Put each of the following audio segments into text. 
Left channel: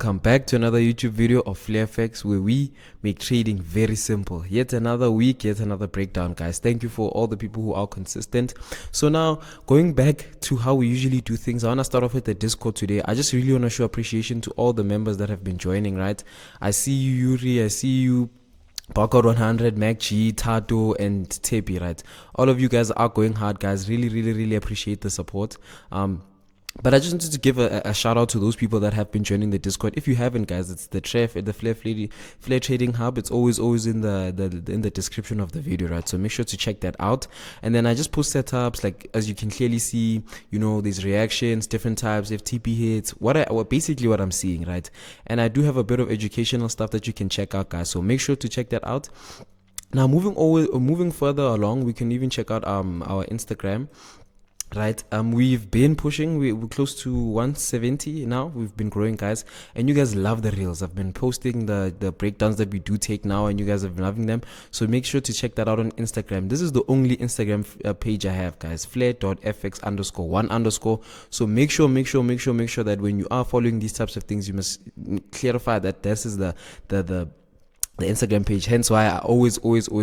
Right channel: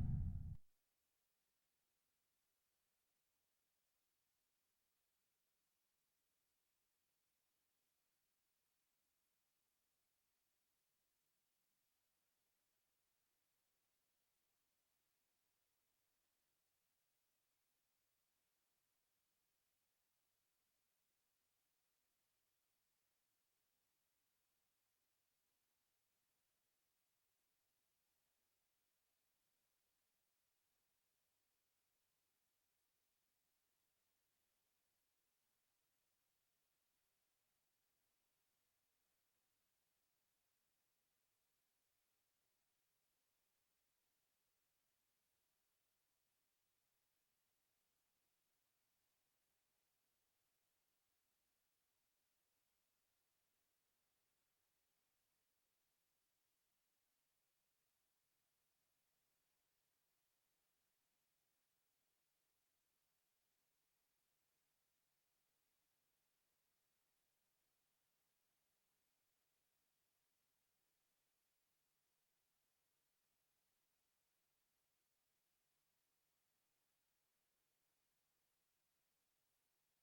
welcome back to another YouTube video of FLAIR, where we make trading very simple. Yet another week, yet another breakdown, guys. Thank you for all the people who are consistent. So now, going back to how we usually do things, I want to start off with the Discord today. I just really want to show appreciation to all the members that have been joining, right? I see you, Yuri. I see you, Barcode 100, MacG, Tato, and Tepi, right? All of you guys are going hard, guys. Really appreciate the support. But I just wanted to give a shout out to those people that have been joining the Discord. If you haven't, guys, it's the FLAIR Trading Hub. It's always in the description of the video, right? So make sure to check that out. And then I just post setups, like as you can clearly see, you know, these reactions, different types, FTP hits, basically what I'm seeing, right? And I do have a bit of educational stuff that you can check out, guys. So make sure to check that out. Now, moving further along, we can even check out our Instagram. Right, we've been pushing. We're close to 170 now. We've been growing, guys, and you guys love the reels. I've been posting the breakdowns that we do take now, and you guys have been loving them. So make sure to check that out on Instagram. This is the only Instagram page I have, guys. FLAIR.fx_1_. So make sure that when you are following these types of things, you must clarify that this is the Instagram page, hence why I always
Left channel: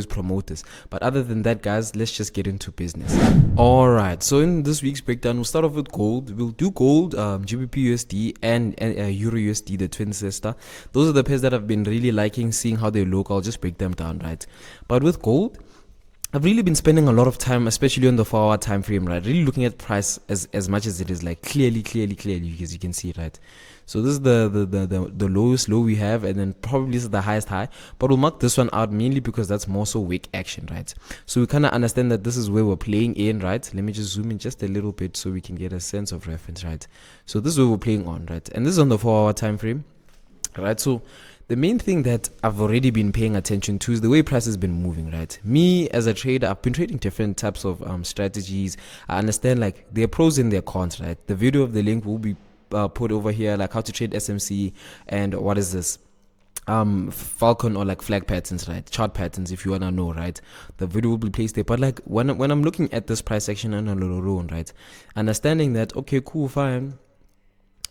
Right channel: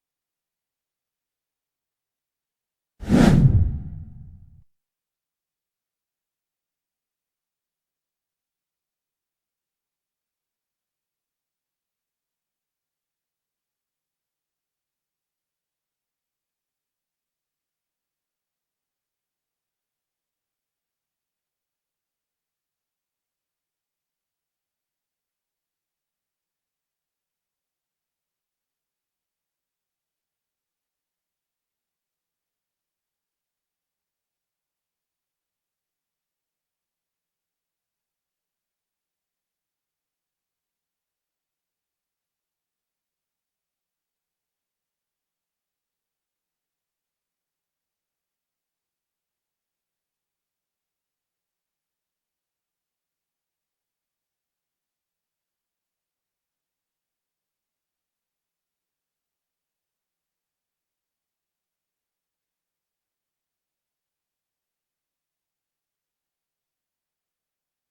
promote this. But other than that, guys, let's just get into business. All right, so in this week's breakdown, we'll start off with gold. We'll do gold, GBPUSD and EURUSD, the twin sister. Those are the pairs that I've been really liking, seeing how they look. I'll just break them down, right? But with gold, I've really been spending a lot of time, especially on the 4-hour time frame, right? Really looking at price as much as it is, like clearly, as you can see, right? So this is the lowest low we have, and then probably this is the highest high. But we'll mark this one out mainly because that's more so wick action, right? So we kind of understand that this is where we're playing in, right? Let me just zoom in just a little bit so we can get a sense of reference, right? So this is where we're playing on, right? And this is on the 4-hour time frame, right? So the main thing that I've already been paying attention to is the way price has been moving, right? Me as a trader, I've been trading different types of strategies. I understand like there are pros and there are cons, right? The video of the link will be put over here, like how to trade SMC and what is this? Falcon or like flag patterns, right? Chart patterns, if you wanna know, right? The video will be placed there. But like when I'm looking at this price action on a loan, right? Understanding that, okay, cool, fine.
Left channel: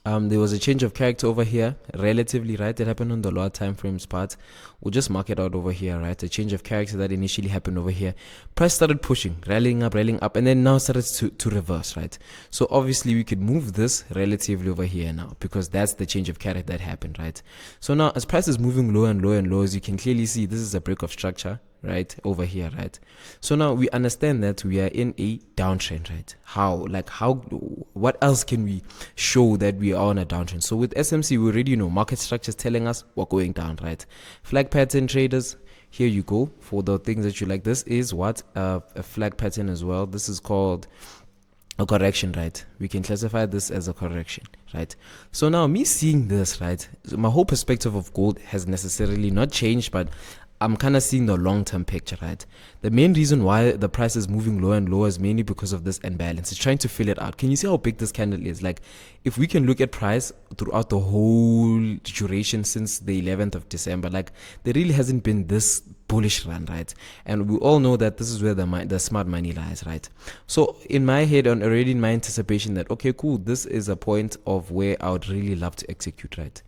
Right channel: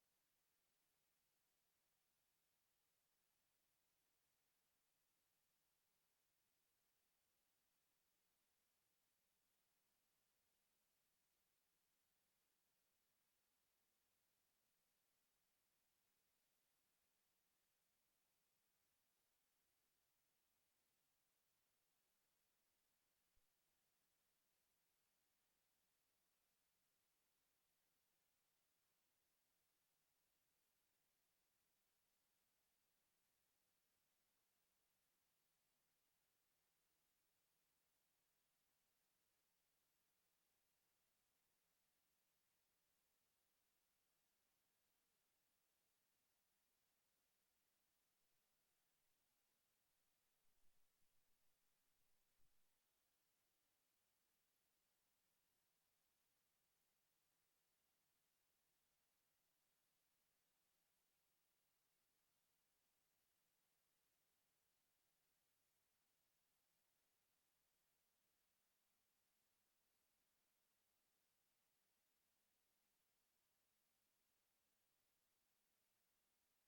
There was a change of character over here, relatively, right? It happened on the lower time frames part. We'll just mark it out over here, right? A change of character that initially happened over here. Price started pushing, rallying up, and then now started to reverse, right? So obviously we could move this relatively over here now because that's the change of character that happened, right? So now as price is moving low and low, as you can clearly see, this is a break of structure, right, over here, right? So now we understand that we are in a downtrend, right? What else can we show that we are on a downtrend? So with SMC, we already know market structure is telling us we're going down, right? Flag pattern traders, here you go. For the things that you like, this is what a flag pattern as well. This is called a correction, right? We can classify this as a correction, right? So now me seeing this, right, my whole perspective of gold has necessarily not changed, but I'm kind of seeing the long-term picture, right? The main reason why the price is moving lower and lower is mainly because of this imbalance. It's trying to fill it out. Can you see how big this candle is? Like, if we can look at price throughout the whole duration since the 11th of December, like, there really hasn't been this bullish run, right? And we all know that this is where the smart money lies, right? So in my head, and already in my anticipation that, okay, cool, this is a point of where I would really love to execute, right?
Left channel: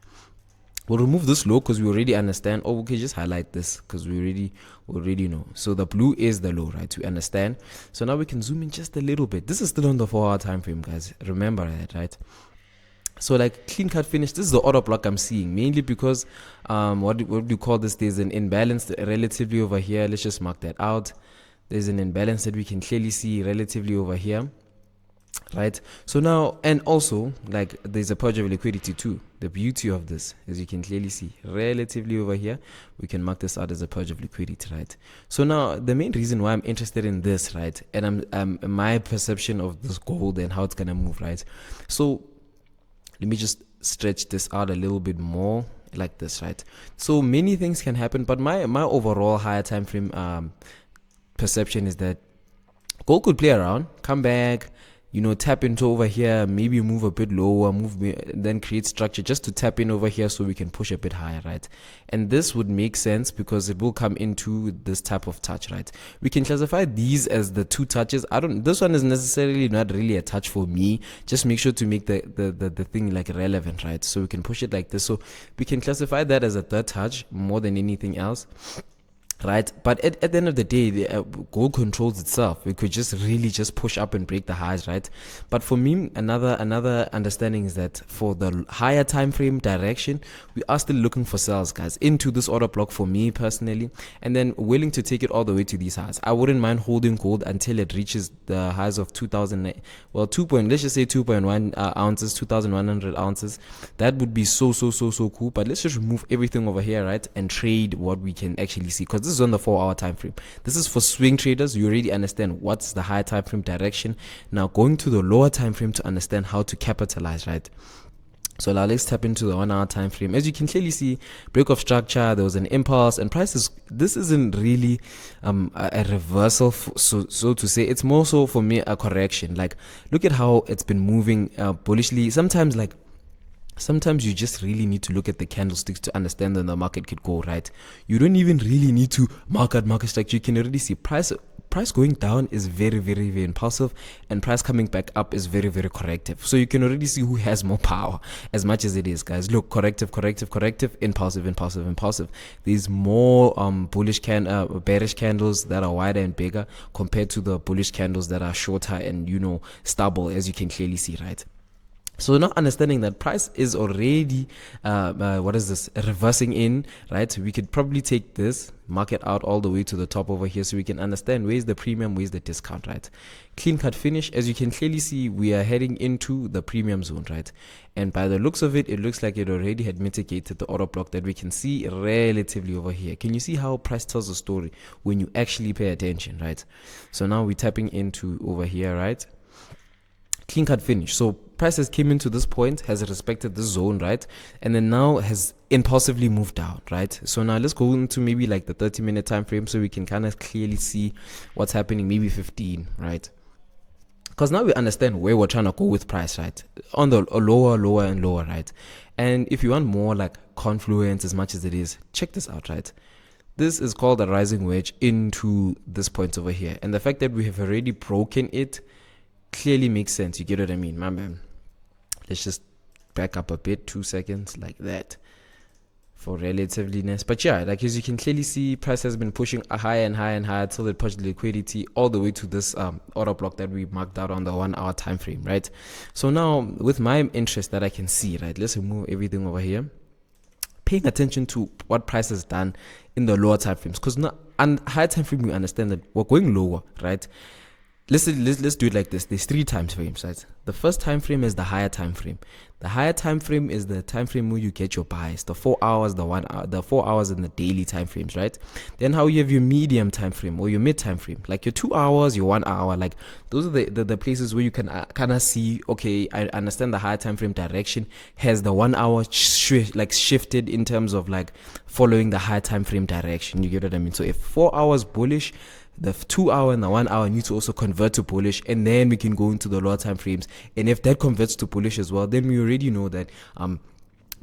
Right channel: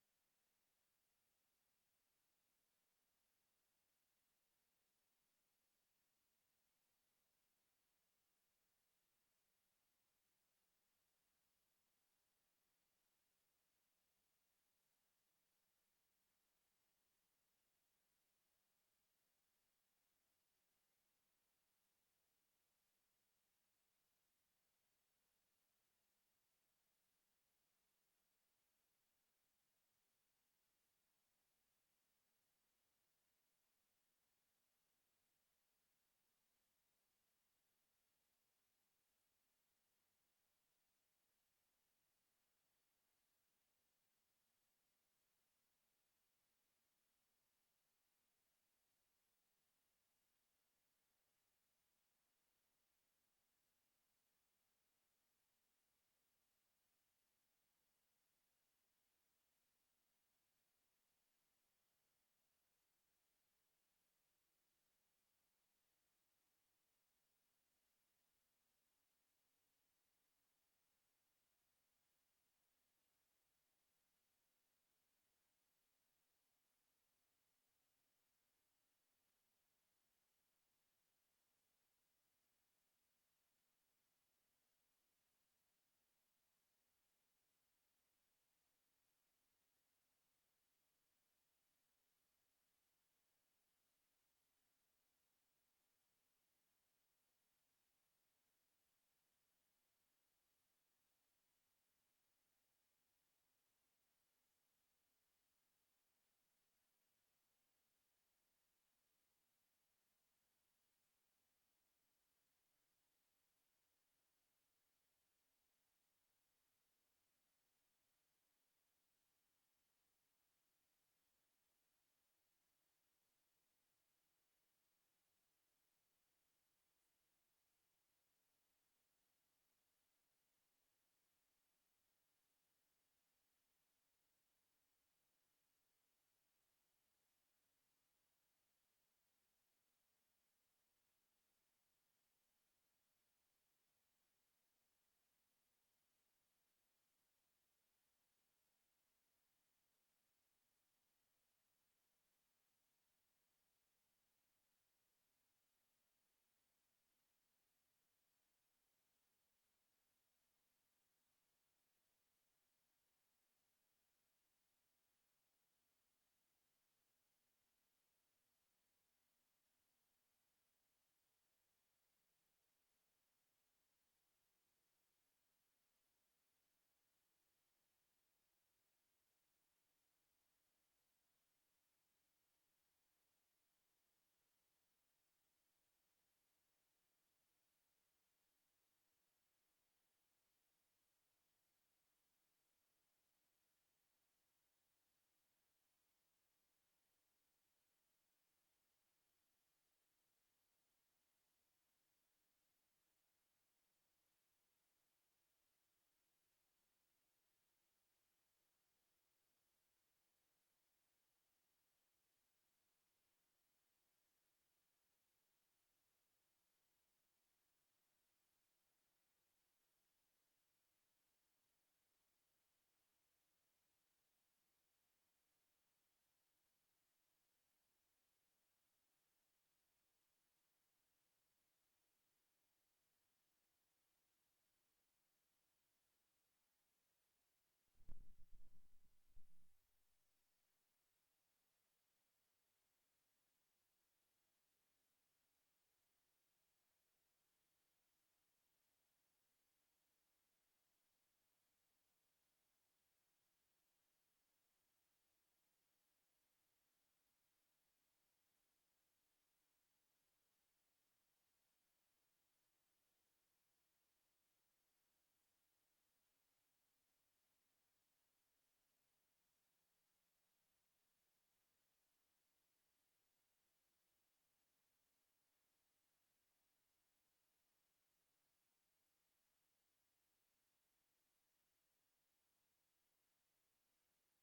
We'll remove this low because we already understand. Oh, okay, just highlight this because we already know. So the blue is the low, right? We understand. So now we can zoom in just a little bit. This is still on the 4-hour time frame, guys. Remember that, right? So like clean cut finish, this is the order block I'm seeing, mainly because what do you call this? There's an imbalance relatively over here. Let's just mark that out. There's an imbalance that we can clearly see relatively over here, right? So now, and also like there's a purge of liquidity too. The beauty of this, as you can clearly see relatively over here, we can mark this out as a purge of liquidity, right? So now the main reason why I'm interested in this, right, and I'm my perception of this gold and how it's gonna move, right? So let me just stretch this out a little bit more like this, right? So many things can happen, but my overall higher time frame perception is that gold could play around, come back, you know, tap into over here, maybe move a bit lower, then create structure just to tap in over here so we can push a bit higher, right? And this would make sense because it will come into this type of touch, right? We can classify these as the two touches. This one is necessarily not really a touch for me. Just make sure to make the thing like relevant, right? So we can push it like this. So we can classify that as a third touch more than anything else, right? But at the end of the day, the gold controls itself. We could just really just push up and break the highs, right? But for me, another understanding is that for the higher time frame direction, we are still looking for sells, guys, into this order block for me personally, and then willing to take it all the way to these highs. I wouldn't mind holding gold until it reaches the highs of 2000, well, let's just say 2.1 ounces, 2100 ounces. That would be so cool. But let's just remove everything over here, right, and trade what we can actually see, because this is on the 4-hour time frame. This is for swing traders. You already understand what's the high time frame direction. Now going to the lower time frame to understand how to capitalize, right? So now let's tap into the 1-hour time frame. As you can clearly see, break of structure, there was an impulse, and prices. This isn't really a reversal, so to say. It's more so for me a correction. Like, look at how it's been moving bullishly. Sometimes you just really need to look at the candlesticks to understand that the market could go, right? You don't even really need to market structure. You can already see price going down is very impulsive, and price coming back up is very corrective. So you can already see who has more power, as much as it is, guys. Look, corrective, impulsive. There's more bearish candles that are wider and bigger compared to the bullish candles that are shorter and, you know, stubble, as you can clearly see, right? So now understanding that price is already, reversing in, right? We could probably take this, mark it out all the way to the top over here so we can understand where's the premium, where's the discount, right? Clean cut finish. As you can clearly see, we are heading into the premium zone, right? And by the looks of it, it looks like it already had mitigated the order block that we can see relatively over here. Can you see how price tells a story when you actually pay attention, right? So now we're tapping into over here, right? Clean cut finish. So prices came into this point, has respected this zone, right? And then now has impulsively moved down, right? So now let's go into maybe like the 30-minute time frame so we can kind of clearly see what's happening, maybe 15, right? Because now we understand where we're trying to go with price, right? On the lower and lower, right? And if you want more like confluence as much as it is, check this out, right? This is called a rising wedge into this point over here. And the fact that we have already broken it clearly makes sense. You get what I mean, my man? Let's just back up a bit, 2 seconds, like that, for relativeness. But yeah, like as you can clearly see, price has been pushing higher and higher and higher until it pushed liquidity all the way to this order block that we marked out on the 1-hour time frame, right? So now with my interest that I can see, right, let's remove everything over here, paying attention to what price has done in the lower time frames, because now on higher time frame we understand that we're going lower, right? Let's do it like this. There's 3 time frames, right? The first time frame is the higher time frame. The higher time frame is the time frame where you get your buys, the 4 hours, the 1 hour, the 4 hours in the daily time frames, right? Then how you have your medium time frame or your mid time frame, like your 2 hours, your 1 hour, like those are the places where you can kind of see, okay, I understand the higher time frame direction has the 1 hour shifted in terms of like following the higher time frame direction. You get what I mean? So if 4 hours bullish, the 2 hour and the 1 hour need to also convert to bullish, and then we can go into the lower time frames. And if that converts to bullish as well, then we already know that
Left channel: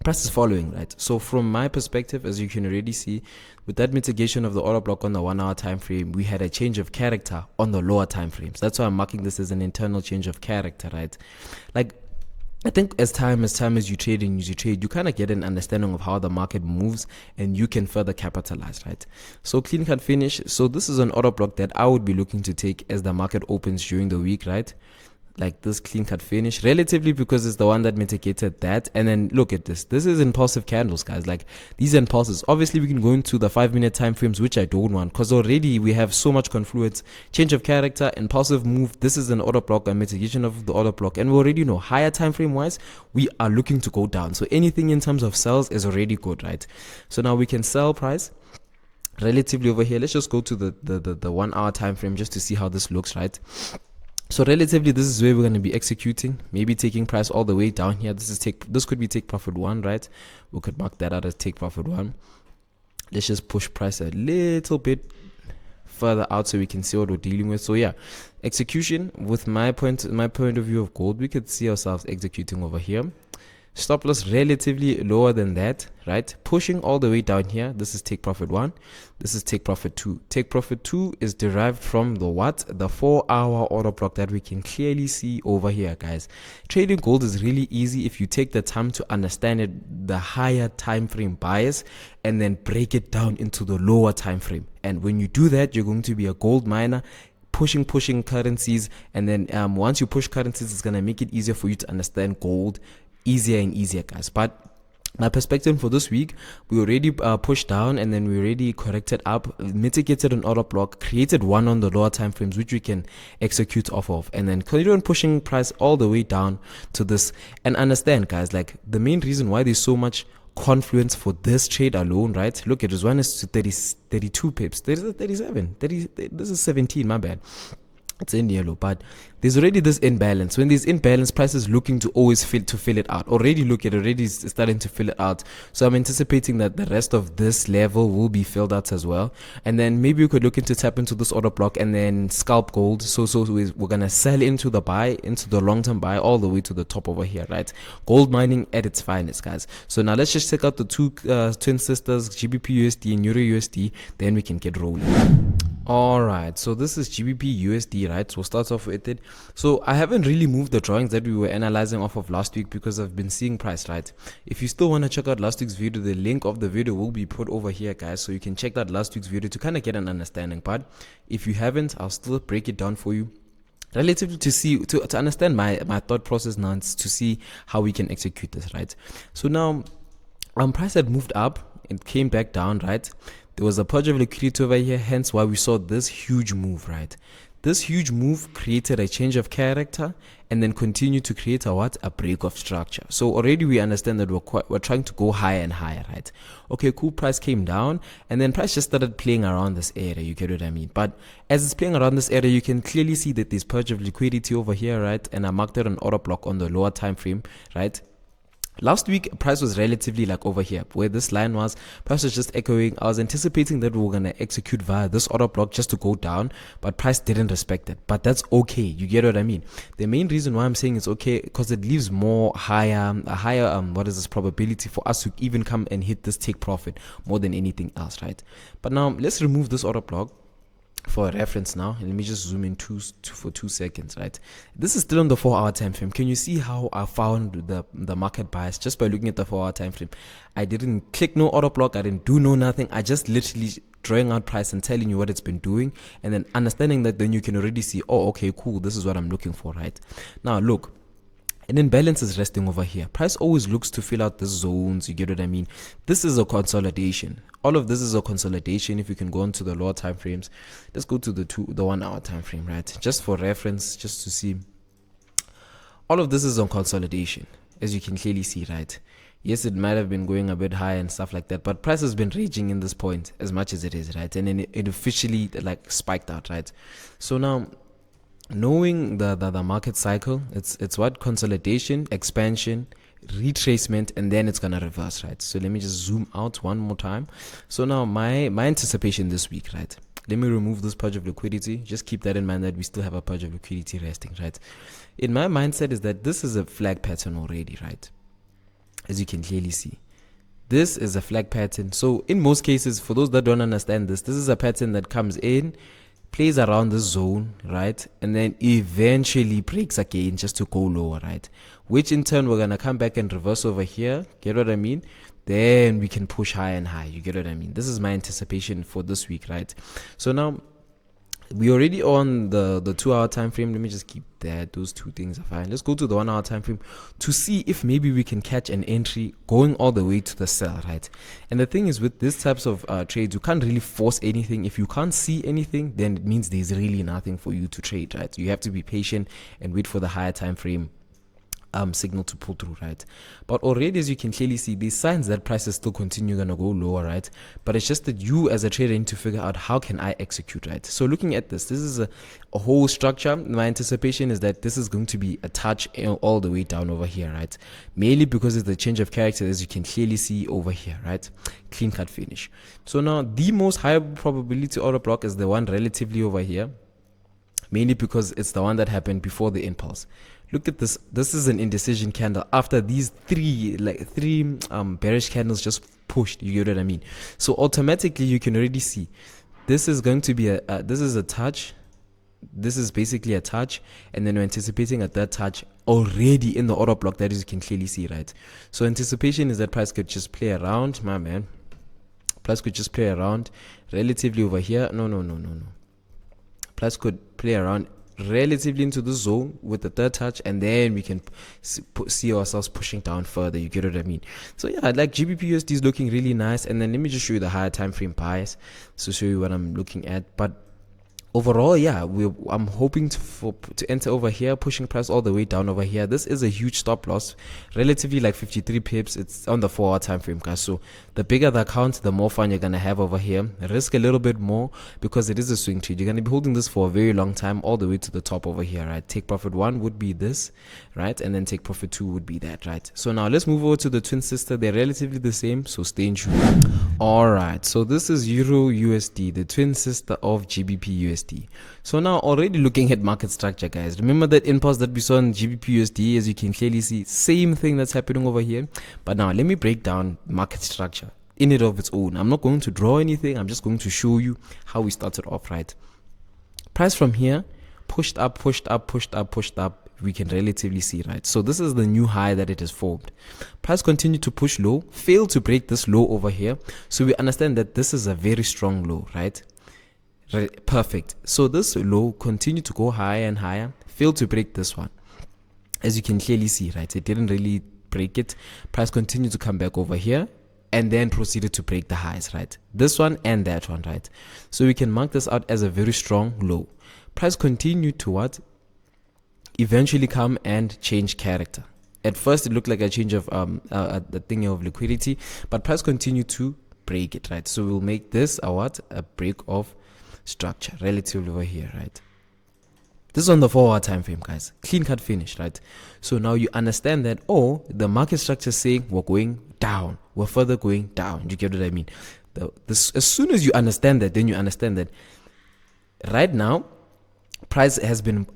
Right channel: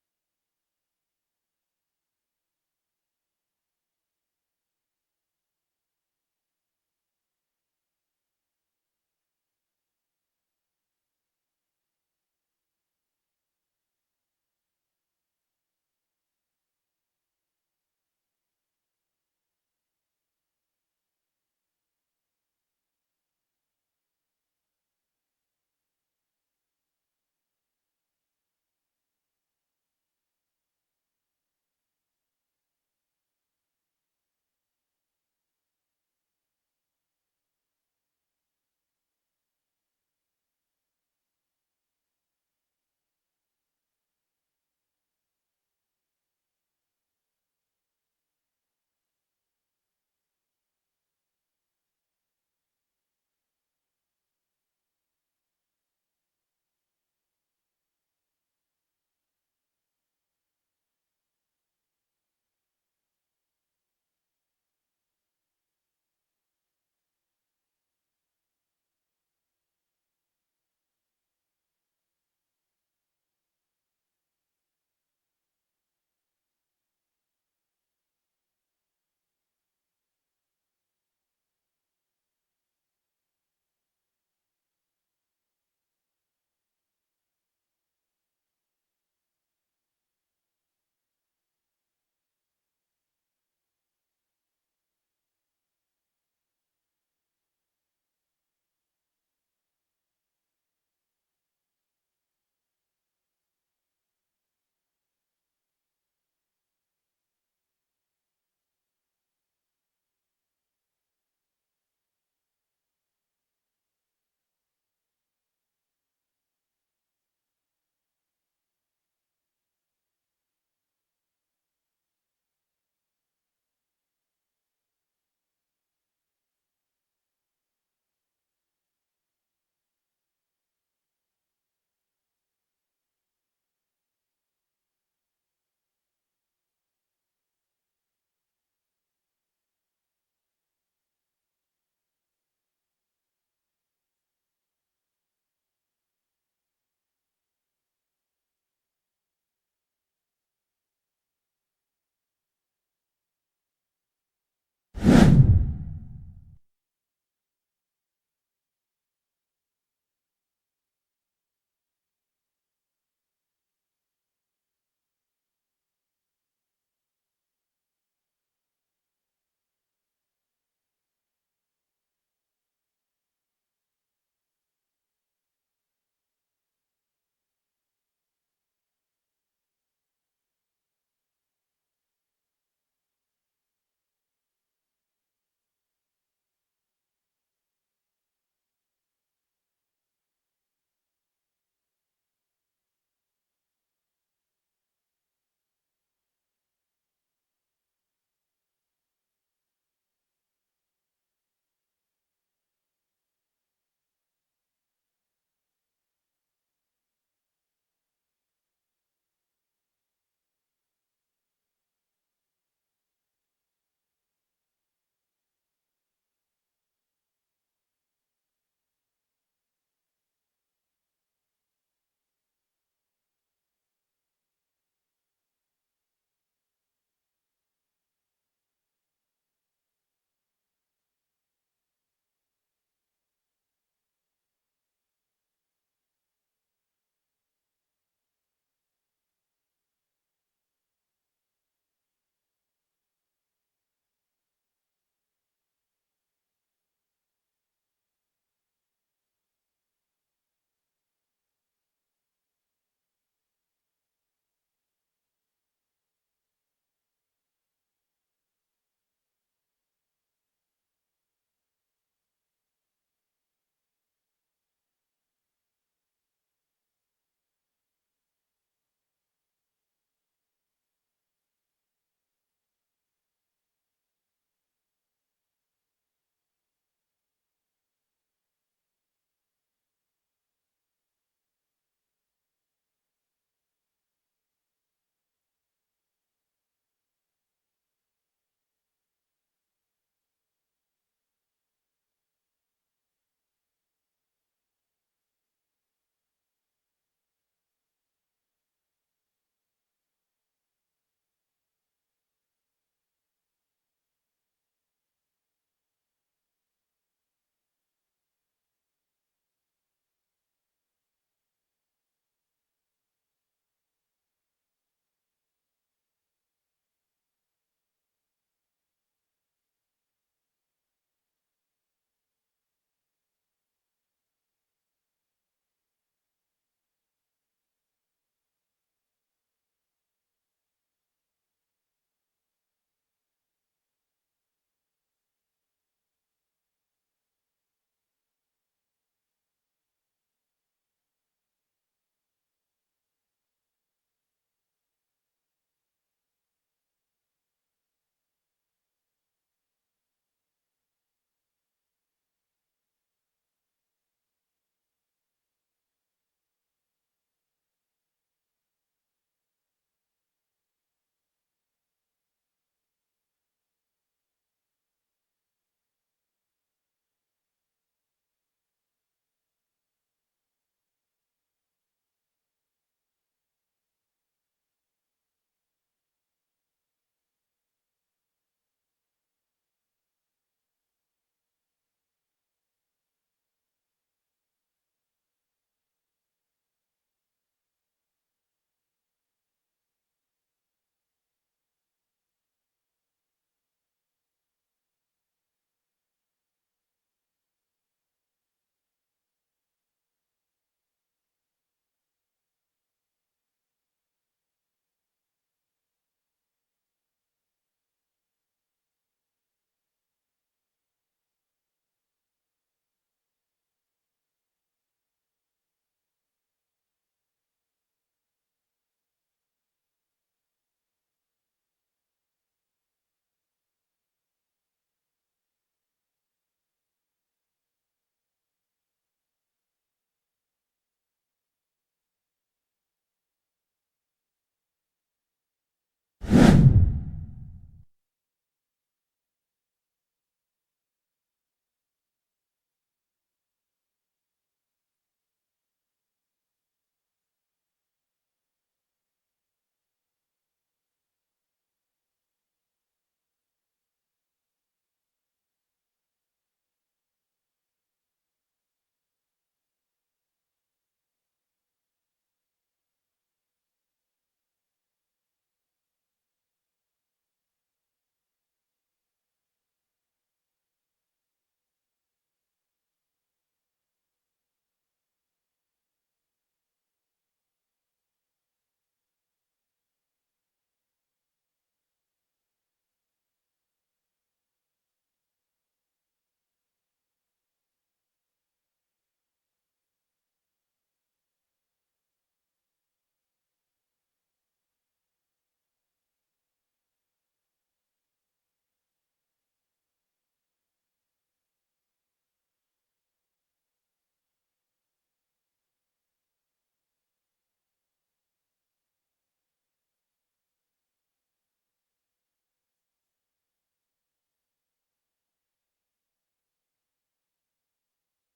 price is following, right? So from my perspective, as you can already see, with that mitigation of the order block on the 1 hour time frame, we had a change of character on the lower time frames. That's why I'm marking this as an internal change of character, right? Like, I think as time as you trade and you trade, you kind of get an understanding of how the market moves and you can further capitalize, right? So clean cut finish. So this is an order block that I would be looking to take as the market opens during the week, right? Like this clean cut finish, relatively, because it's the one that mitigated that. And then look at this. This is impulsive candles, guys. Like these impulses. Obviously, we can go into the 5-minute time frames, which I don't want, because already we have so much confluence, change of character, impulsive move. This is an order block, a mitigation of the order block, and we already know higher time frame wise, we are looking to go down. So anything in terms of sells is already good, right? So now we can sell price relatively over here. Let's just go to the 1 hour time frame just to see how this looks, right? So relatively, this is where we're going to be executing, maybe taking price all the way down here. This could be take profit 1, right? We could mark that out as take profit 1. Let's just push price a little bit further out so we can see what we're dealing with. So yeah, Execution, with my point of view of gold, we could see ourselves executing over here. Stop loss relatively lower than that, right? Pushing all the way down here. This is take profit 1. This is take profit 2. Take profit 2 is derived from the what? The 4-hour order block that we can clearly see over here, guys. Trading gold is really easy if you take the time to understand it, the higher time frame bias, and then break it down into the lower time frame. And when you do that, you're going to be a gold miner, pushing currencies, and then once you push currencies, it's going to make it easier for you to understand gold easier and easier, guys. But my perspective for this week, we already pushed down, and then we already corrected up, mitigated an order block, created one on the lower time frames which we can execute off of, and then continue on pushing price all the way down to this. And understand, guys, like the main reason why there's so much confluence for this trade alone, right? Look, it was 1 to 30, 32 pips. There's a 37, 30, this is 17, my bad. It's in yellow, but there's already this imbalance. When there's imbalance, price is looking to always fill it out. Already starting to fill it out. So I'm anticipating that the rest of this level will be filled out as well. And then maybe we could look into tap into this order block and then scalp gold. So we're gonna sell into the buy, into the long-term buy, all the way to the top over here, right? Gold mining at its finest, guys. So now let's just check out the two twin sisters, GBPUSD and EURUSD. Then we can get rolling. Alright, so this is GBPUSD, right? So we'll start off with it. So I haven't really moved the drawings that we were analyzing off of last week because I've been seeing price, right? If you still want to check out last week's video, the link of the video will be put over here, guys. So you can check that last week's video to kind of get an understanding. But if you haven't, I'll still break it down for you, relatively to understand my thought process now, to see how we can execute this, right? So now price had moved up, it came back down, right? There was a purge of liquidity over here, hence why we saw this huge move, right? This huge move created a change of character and then continued to create a break of structure. So already we understand that we're trying to go higher and higher, right? Okay, cool, price came down and then price just started playing around this area, you get what I mean? But as it's playing around this area, you can clearly see that there's purge of liquidity over here, right? And I marked it an order block on the lower time frame, right? Last week, price was relatively like over here, where this line was. Price was just echoing. I was anticipating that we were going to execute via this order block just to go down, but price didn't respect it. But that's okay. You get what I mean? The main reason why I'm saying it's okay, because it leaves a higher probability for us to even come and hit this take profit more than anything else, right? But now, let's remove this order block for a reference now. Let me just zoom in for 2 seconds, right? This is still on the 4-hour time frame. Can you see how I found the market bias just by looking at the 4-hour time frame? I didn't click no order block, I didn't do no nothing. I just literally drawing out price and telling you what it's been doing, and then understanding that, then you can already see, oh, okay, cool, this is what I'm looking for, right? Now look, and then balance is resting over here. Price always looks to fill out the zones, you get what I mean? This is a consolidation. All of this is a consolidation. If you can go on to the lower time frames, let's go to the 1-hour time frame, right? Just for reference, just to see. All of this is on consolidation, as you can clearly see, right? Yes, it might have been going a bit high and stuff like that, but price has been raging in this point as much as it is, right? And then it officially like spiked out, right? So now, knowing the market cycle, it's what? Consolidation, expansion, retracement, and then it's gonna reverse, right? So let me just zoom out one more time. So now my anticipation this week, right? Let me remove this purge of liquidity. Just keep that in mind that we still have a purge of liquidity resting, right? In my mindset is that this is a flag pattern already, right? As you can clearly see, this is a flag pattern. So in most cases, for those that don't understand this is a pattern that comes in, plays around the zone, right? And then eventually breaks again just to go lower, right? Which in turn, we're going to come back and reverse over here. Get what I mean? Then we can push high and high. You get what I mean? This is my anticipation for this week, right? So now, we already on the 2-hour time frame. Let me just keep that. Those two things are fine. Let's go to the 1-hour time frame to see if maybe we can catch an entry going all the way to the sell, right? And the thing is, with these types of trades, you can't really force anything. If you can't see anything, then it means there's really nothing for you to trade, right? You have to be patient and wait for the higher time frame signal to pull through, right? But already, as you can clearly see, these signs that prices still continue gonna go lower, right? But it's just that you as a trader need to figure out, how can I execute, right? So looking at this is a whole structure. My anticipation is that this is going to be a touch all the way down over here, right? Mainly because it's the change of character, as you can clearly see over here, right? Clean cut finish. So now the most high probability order block is the one relatively over here. mainly because it's the one that happened before the impulse. Look at this. This is an indecision candle after these three bearish candles just pushed. You get what I mean? So automatically you can already see this is going to be this is a touch. This is basically a touch, and then we're anticipating a third touch already in the order block. That is, you can clearly see, right? So anticipation is that price could just play around, my man. Price could just play around relatively over here. No. Price could play around relatively into the zone with the third touch, and then we can see ourselves pushing down further. You get what I mean? So yeah, like GBPUSD is looking really nice. And then let me just show you the higher time frame bias to show you what I'm looking at. But overall, yeah, I'm hoping to enter over here, pushing price all the way down over here. This is a huge stop loss, relatively like 53 pips. It's on the 4-hour time frame, guys. So the bigger the account, the more fun you're gonna have over here. Risk a little bit more because it is a swing trade. You're gonna be holding this for a very long time, all the way to the top over here, right? Take profit 1 would be this, right? And then take profit 2 would be that, right? So now let's move over to the twin sister. They're relatively the same, so stay in tune. All right, so this is EURUSD, the twin sister of GBPUSD. So now already looking at market structure, guys. Remember that impulse that we saw in GBPUSD? As you can clearly see, same thing that's happening over here. But now let me break down market structure in it of its own. I'm not going to draw anything. I'm just going to show you how we started off, right? Price from here pushed up, pushed up, pushed up, pushed up. We can relatively see, right? So this is the new high that it has formed. Price continued to push low, failed to break this low over here. So we understand that this is a very strong low, right? Perfect. So this low continued to go higher and higher, failed to break this one. As you can clearly see, right? It didn't really break it. Price continued to come back over here and then proceeded to break the highs, right? This one and that one, right? So we can mark this out as a very strong low. Price continued to what? Eventually come and change character. At first it looked like a change of the thing of liquidity, but price continued to break it, right? So we'll make this a break of structure relatively over here, right? This is on the 4-hour time frame, guys. Clean cut finish, right? So now you understand that, oh, the market structure is saying we're going down, we're further going down. You get what I mean? As soon as you understand that, then you understand that right now price has been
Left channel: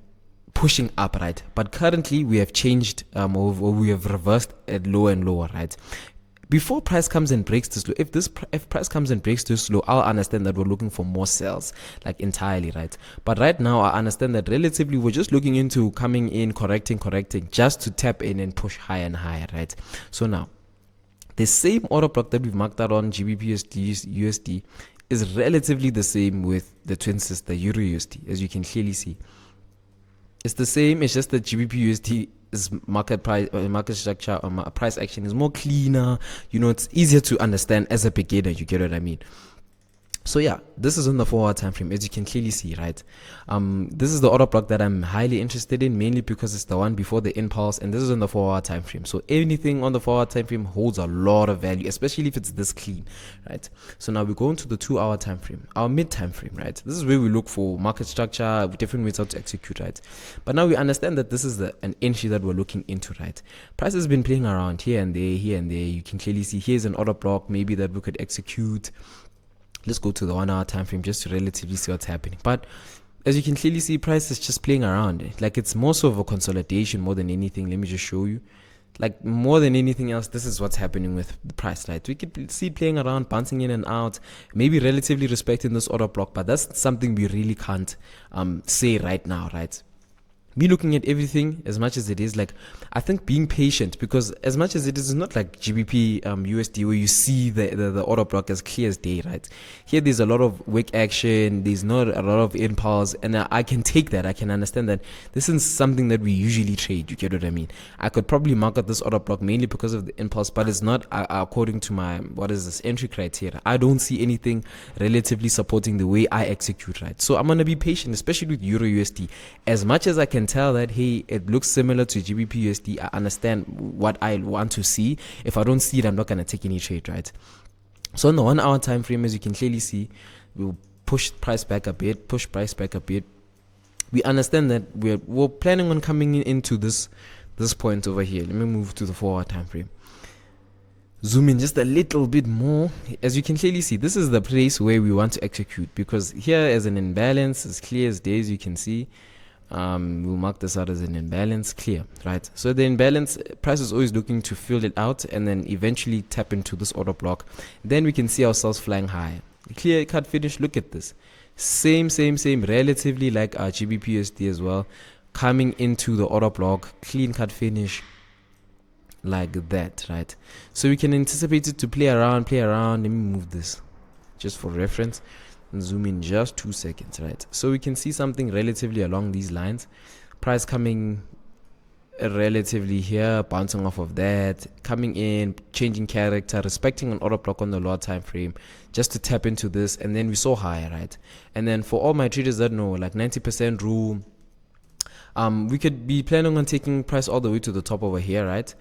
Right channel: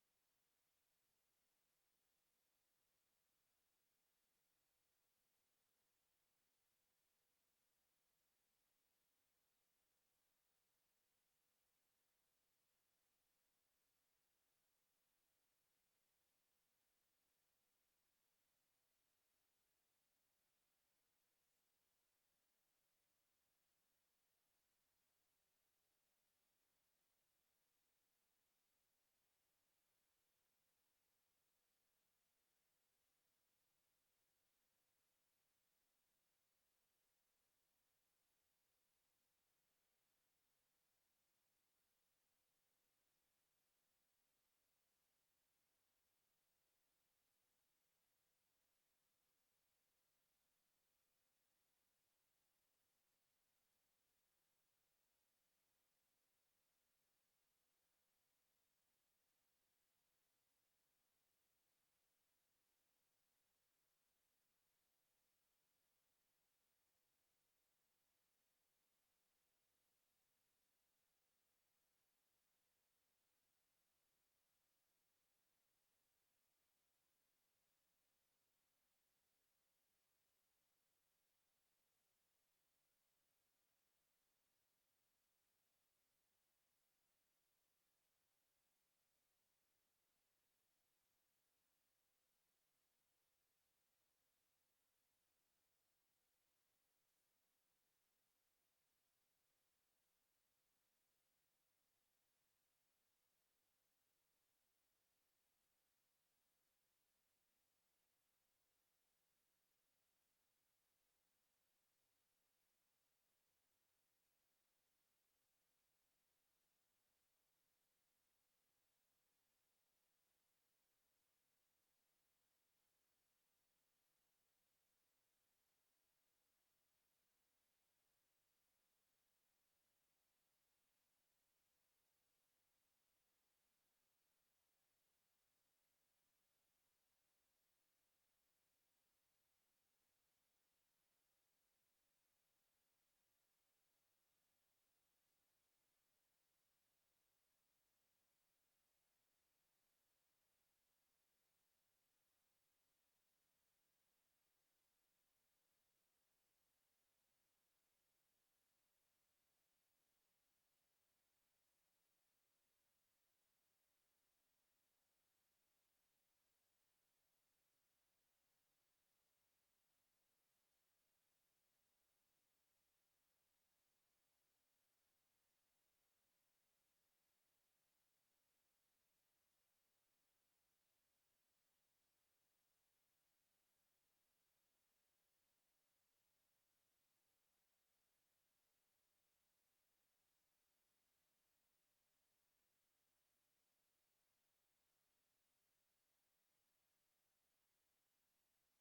pushing up, right? But currently we have changed or we have reversed at lower and lower, right? Before price comes and breaks this low, if price comes and breaks this low, I'll understand that we're looking for more sales, like entirely, right? But right now I understand that relatively we're just looking into coming in, correcting just to tap in and push higher and higher, right? So now the same order block that we've marked out on GBPUSD is relatively the same with the twin sister EURUSD, as you can clearly see. It's the same. It's just that GBPUSD is market structure, price action is more cleaner. You know, it's easier to understand as a beginner. You get what I mean? So yeah, this is on the 4-hour time frame, as you can clearly see, right? This is the order block that I'm highly interested in, mainly because it's the one before the impulse, and this is on the 4-hour time frame. So anything on the 4-hour time frame holds a lot of value, especially if it's this clean, right? So now we go into the 2-hour time frame, our mid time frame, right? This is where we look for market structure, different ways how to execute, right? But now we understand that this is an entry that we're looking into, right? Price has been playing around here and there. You can clearly see here's an order block maybe that we could execute. Let's go to the 1-hour time frame just to relatively see what's happening. But as you can clearly see, price is just playing around. Like it's more so of a consolidation more than anything. Let me just show you. Like more than anything else, this is what's happening with the price, right? We could see playing around, bouncing in and out, maybe relatively respecting this order block, but that's something we really can't say right now, right? Me looking at everything as much as it is, like I think being patient, because as much as it is not like GBP USD where you see the order block as clear as day, right? Here there's a lot of wick action, there's not a lot of impulse, and I can take that. I can understand that this is something that we usually trade. You get what I mean? I could probably mark out this order block mainly because of the impulse, but it's not according to my entry criteria. I don't see anything relatively supporting the way I execute, right? So I'm gonna be patient, especially with EURUSD. As much as I can tell that, hey, it looks similar to GBPUSD, I understand what I want to see. If I don't see it, I'm not going to take any trade, right? So on the 1-hour time frame, as you can clearly see, we'll push price back a bit, We understand that we're planning on coming into this point over here. Let me move to the 4-hour time frame. zoom in just a little bit more. As you can clearly see, this is the place where we want to execute, because here as an imbalance, as clear as day, as you can see, we'll mark this out as an imbalance, clear, right? So the imbalance, price is always looking to fill it out and then eventually tap into this order block. Then we can see ourselves flying higher. Clear cut finish, look at this. Same, relatively like our GBPUSD as well, coming into the order block, clean cut finish, like that, right? So we can anticipate it to play around. Let me move this just for reference and zoom in just 2 seconds, right? So we can see something relatively along these lines, price coming relatively here, bouncing off of that, coming in, changing character, respecting an order block on the lower time frame just to tap into this, and then we saw higher, right? And then for all my traders that know, like 90% rule, we could be planning on taking price all the way to the top over here, right?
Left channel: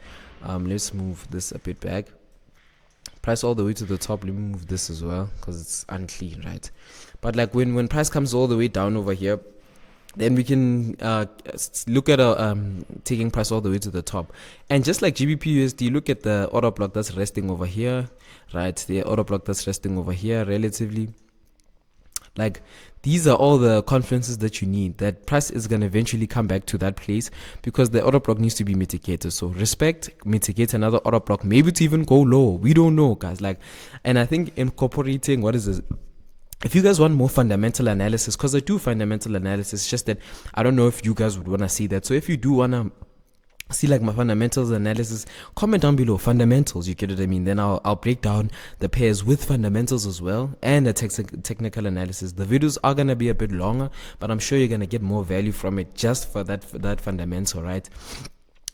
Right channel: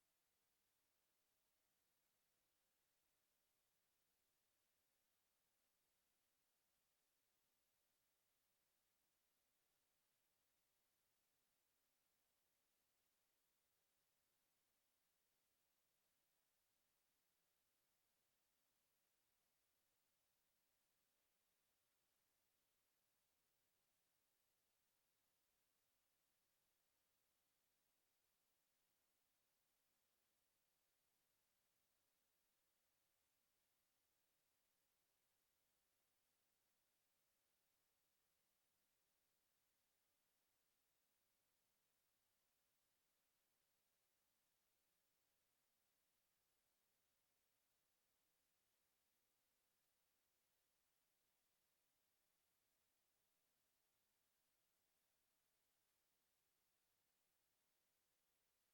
Let's move this a bit back. Price all the way to the top. Let me move this as well because it's unclean, right? But like when price comes all the way down over here, then we can look at taking price all the way to the top. And just like GBPUSD, look at the order block that's resting over here, right? The order block that's resting over here relatively. Like, these are all the confluences that you need, that price is going to eventually come back to that place, because the order block needs to be mitigated. So respect, mitigate another order block, maybe to even go low. We don't know, guys. Like, and I think incorporating, what is this? If you guys want more fundamental analysis, because I do fundamental analysis, just that I don't know if you guys would want to see that. So if you do want to see like my fundamentals analysis, comment down below fundamentals, you get what I mean. Then I'll break down the pairs with fundamentals as well, and the technical analysis. The videos are gonna be a bit longer, but I'm sure you're gonna get more value from it just for that fundamental, right?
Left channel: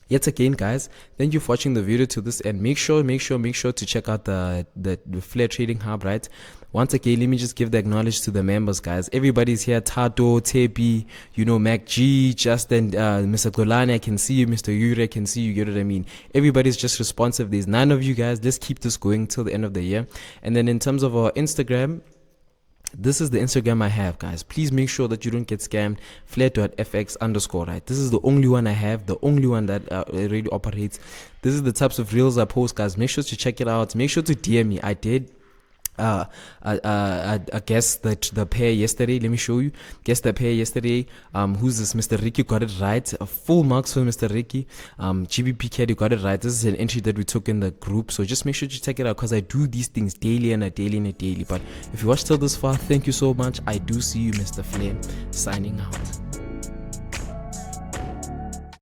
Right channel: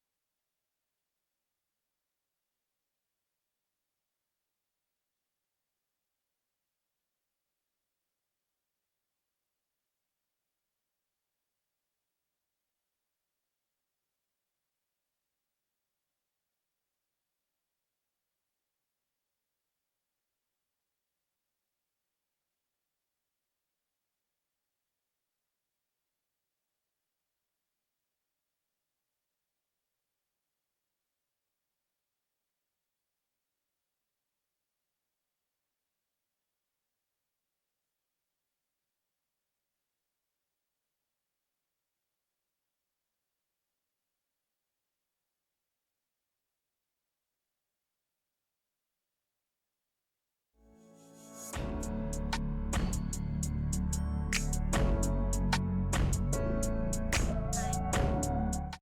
Yet again, guys, thank you for watching the video to this end. Make sure to check out the FLAIR Trading Hub, right? Once again, let me just give the acknowledge to the members, guys. Everybody's here. Tato, Tepi, Mac G, Justin, Mr. Golani, I can see you. Mr. Yuri, I can see you. Get what I mean? Everybody's just responsive. There's 9 of you guys. Let's keep this going till the end of the year. And then in terms of our Instagram, this is the Instagram I have, guys. Please make sure that you don't get scammed. FLAIR.fx_, right? This is the only one I have, the only one that really operates. This is the types of reels I post, guys. Make sure to check it out. Make sure to DM me. I did I guess that the pair yesterday. Let me show you. Guess the pair yesterday. Who's this? Mr. Ricky got it right. Full marks for Mr. Ricky. GBP Caddy got it right. This is an entry that we took in the group, so just make sure to check it out, because I do these things daily and a daily. But if you watched till this far, thank you so much. I do see you, Mr. Flynn, signing out.